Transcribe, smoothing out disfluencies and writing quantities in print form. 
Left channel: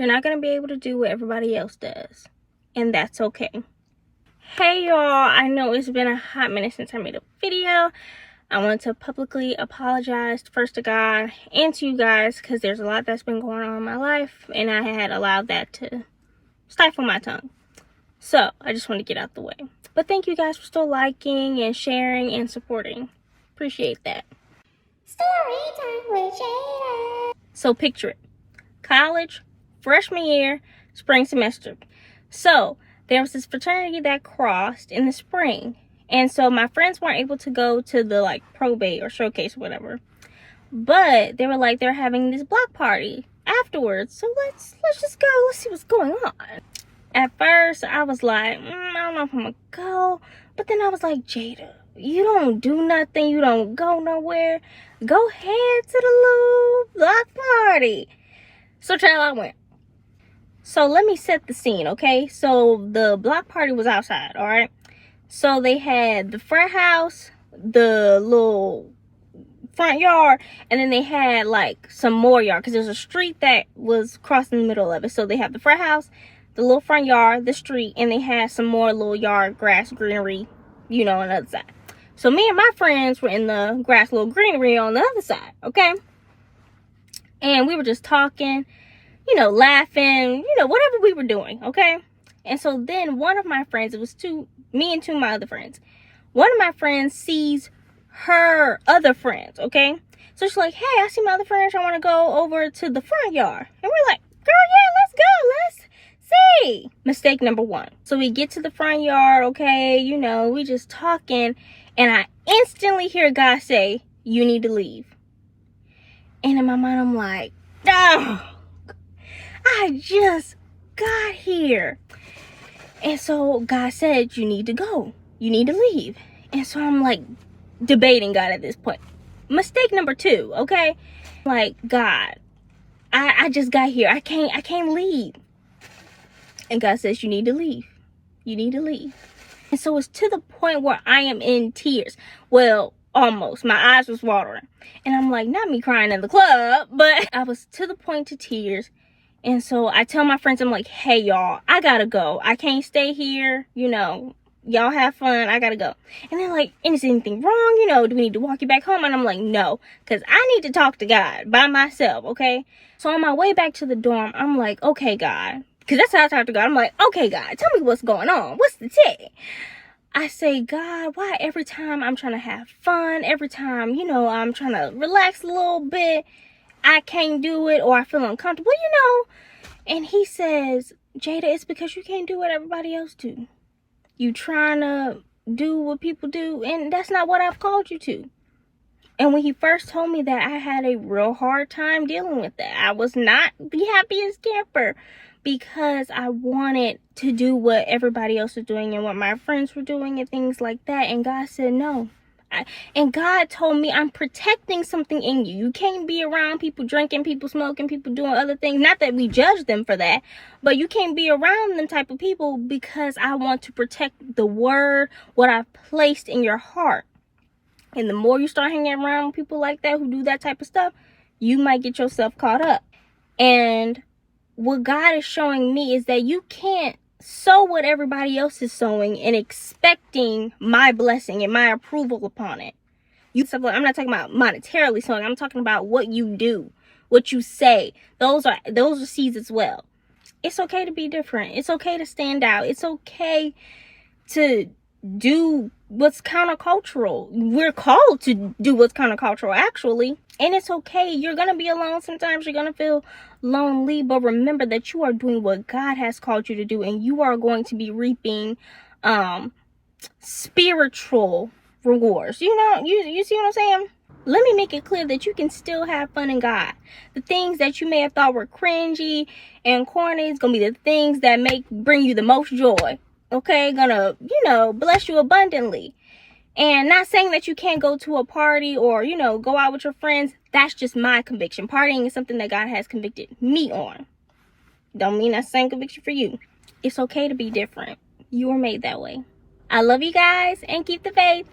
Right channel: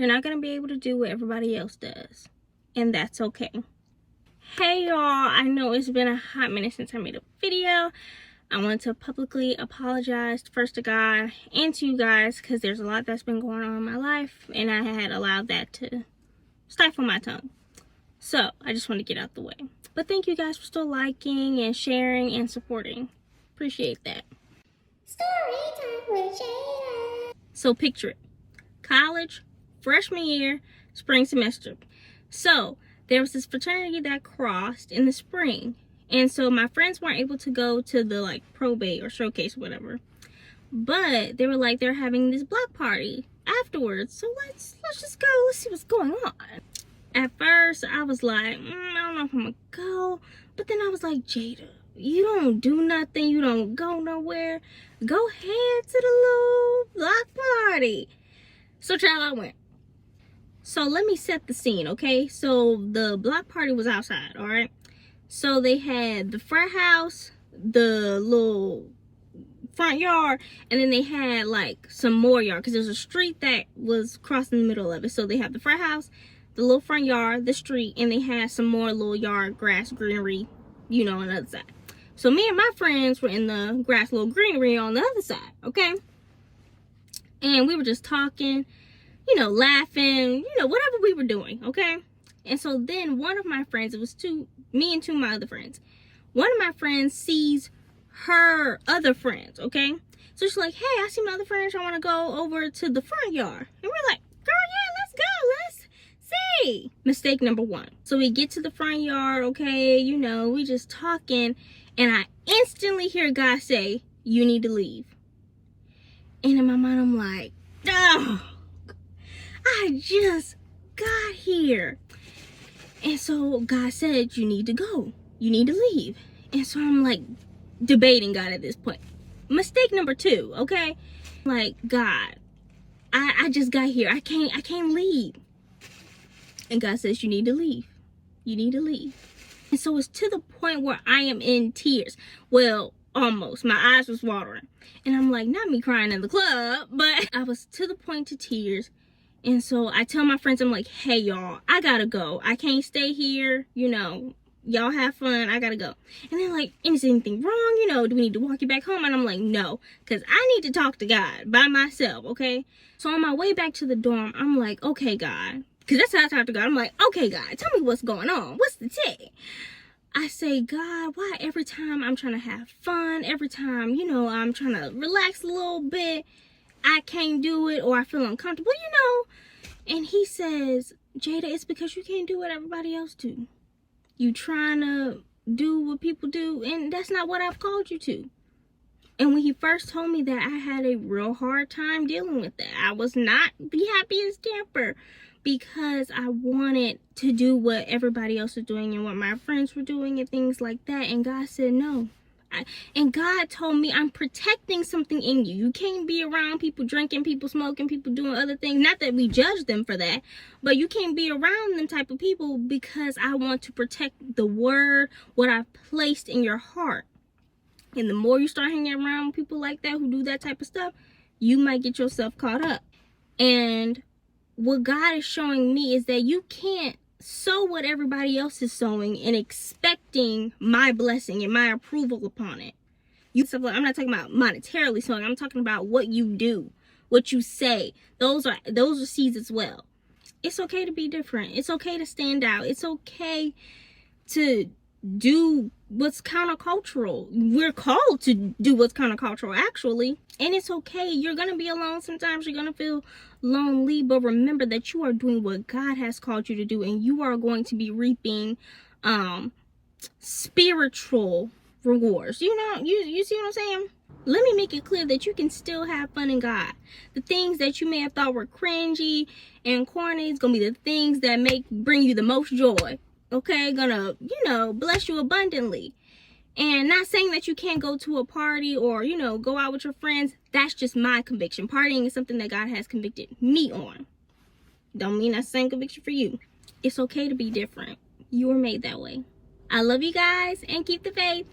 You're not going to be able to do what everybody else does. And that's okay. Hey y'all, I know it's been a hot minute since I made a video. I want to publicly apologize first to God and to you guys because there's a lot that's been going on in my life and I had allowed that to stifle my tongue. So I just want to get out the way. But thank you guys for still liking and sharing and supporting. Appreciate that. Story time with Jayda. So picture it. College, freshman year, spring semester. So there was this fraternity that crossed in the spring. And so my friends weren't able to go to the probate or showcase or whatever. But they were they're having this block party afterwards. So let's just go. Let's see what's going on. At first, I was like, I don't know if I'm gonna go. But then I was like, Jayda, you don't do nothing. You don't go nowhere. Go ahead to the little block party. So, child, I went. So, let me set the scene, okay? So, the block party was outside, all right? So, they had the front house, the little front yard, and then they had, some more yard. Because there's a street that was crossing the middle of it. So, they have the front house, the little front yard, the street, and they had some more little yard, grass, greenery, on the other side. So me and my friends were in the grass, little greenery on the other side, okay? And we were just talking, laughing, whatever we were doing, okay? And so then one of my friends, it was me and two of my other friends. One of my friends sees her other friends, okay? So she's like, hey, I see my other friends. I want to go over to the front yard. And we're like, girl, yeah, let's go. Let's see. Mistake number one. So we get to the front yard, okay? We just talking. And I instantly hear God say, you need to leave. And in my mind, I'm like, oh, I just got here. And so God said, you need to go. You need to leave. And so I'm debating God at this point. Mistake number two, okay? God, I just got here. I can't leave. And God says, you need to leave. You need to leave. And so it's to the point where I am in tears. Well, almost. My eyes was watering. And I'm not me crying in the club, but I was to the point to tears. And so I tell my friends, I'm like, hey, y'all, I gotta go. I can't stay here. Y'all have fun. I gotta go. And they're like, is anything wrong? Do we need to walk you back home? And I'm like, no, because I need to talk to God by myself, okay? So on my way back to the dorm, I'm like, okay, God. Because that's how I talk to God. I'm like, okay, God, tell me what's going on. What's the tick? I say, God, why every time I'm trying to have fun, every time, I'm trying to relax a little bit, I can't do it or I feel uncomfortable, And he says, Jayda, it's because you can't do what everybody else do. You trying to do what people do, and that's not what I've called you to. And when he first told me that, I had a real hard time dealing with that. I was not the happiest camper. Because I wanted to do what everybody else was doing and what my friends were doing and things like that. And God said no. And God told me I'm protecting something in you. You can't be around people drinking, people smoking, people doing other things. Not that we judge them for that. But you can't be around them type of people because I want to protect the word, what I've placed in your heart. And the more you start hanging around people like that who do that type of stuff, you might get yourself caught up. And what God is showing me is that you can't sow what everybody else is sowing and expecting my blessing and my approval upon it. I'm not talking about monetarily sowing. I'm talking about what you do, what you say. Those are seeds as well. It's okay to be different. It's okay to stand out. It's okay to do what's countercultural. We're called to do what's countercultural, actually. And it's okay. You're going to be alone sometimes. You're going to feel lonely. But remember that you are doing what God has called you to do. And you are going to be reaping spiritual rewards. You see what I'm saying? Let me make it clear that you can still have fun in God. The things that you may have thought were cringy and corny is going to be the things that bring you the most joy. Okay, gonna, bless you abundantly. And not saying that you can't go to a party or, go out with your friends. That's just my conviction. Partying is something that God has convicted me on. Don't mean that's the same conviction for you. It's okay to be different. You were made that way. I love you guys and keep the faith.